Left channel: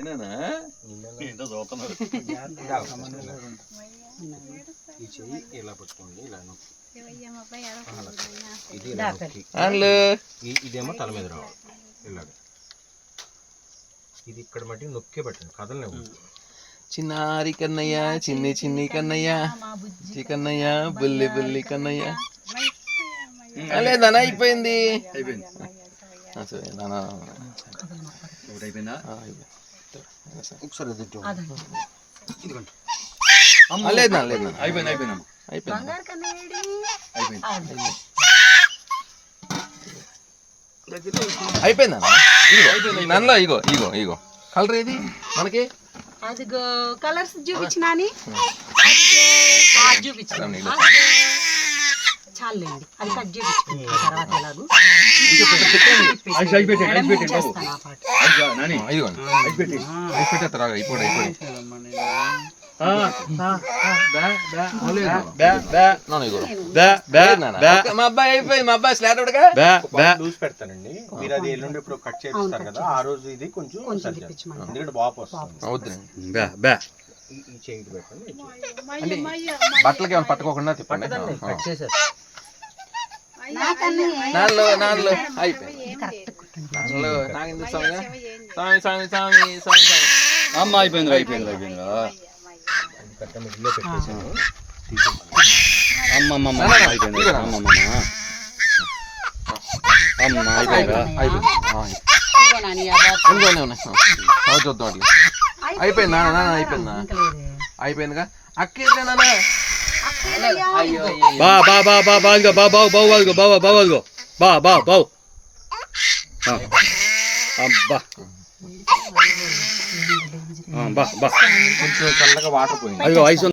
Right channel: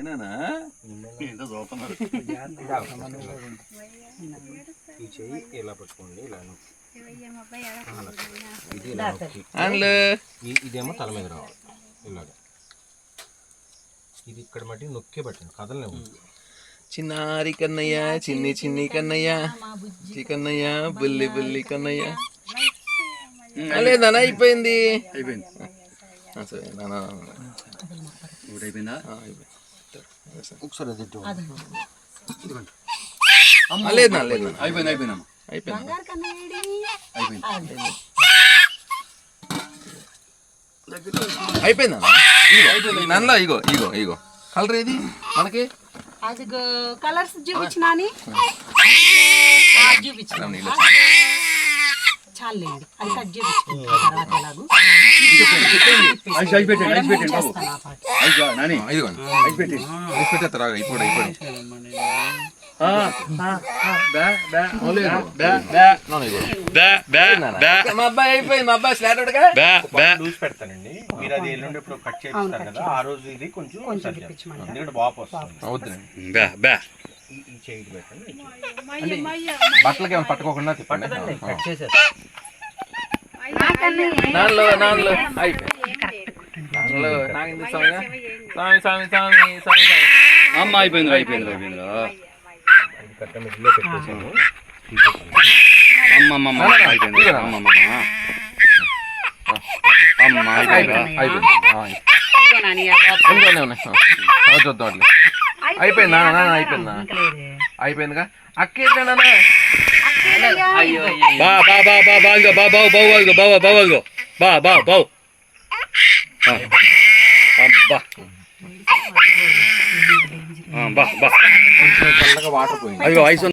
ఏనా ఏంటో చూస్తున్నారు. ఈ చెయ్యి ఇలా పట్టుకోండి, ఇలా ఇది ఇదేమో తల మీద రావాలి ఇలాగ. ఇది ఇక్కడ మట్టి నొక్కే పెట్టండి, కదలనే. చిన్నారి కన్నయ్య, చిన్ని చిన్ని కన్నయ్య, కన్నయ్య బుల్లి బుల్లి కన్నయ్య. లేదన్నా అయిపోయింది. సరే నాన్న అయిపోయిందా? ఒకసారి లేదు లేదు అయిపోయింది అయిపోయింది అయిపోయిందా? నల్ల ఇగో ఇగో ఇగో కలర్ ఏది మనకి? అదిగో కలర్స్ చూపించినా చూపించాను. చాలండి, అది కట్ చూపించాను. తర్వాత ఎలాగూ మా అబ్బాయి అయిపోయింది. మా అబ్బాయి స్లాట్ లూజ్ పెడతానండి. మీరు అది ఎల్లుండి ఇప్పుడు కట్ చేస్తారు కదా, ఆ రోజు ఇది కొంచెం ఎందుకంటే వాపు వస్తుంది. అవుతుంది. ఈ చేయి పెట్టండి. బట్టలకి ఏమైనా పట్టుకోకుండా తిప్పండి. కట్ చేసేది అమ్మ అయిపోయింది అయిపోయింది అయిపోయింది. పెట్టేసాను. అమ్మమ్మ అయిపోయింది. అమ్మమ్మ అమ్మ చూద్దాం. అయిపోయిందా అయిపోయిందా? అయిపోయిందిగా అక్కేనా? బా బా బా బా బాగా బా బావు బావు బావు బావు బా బా బావు అబ్బా బా బా కొంచెం చల్లగా వాటర్ పోయింది. అయ్యో ఐసు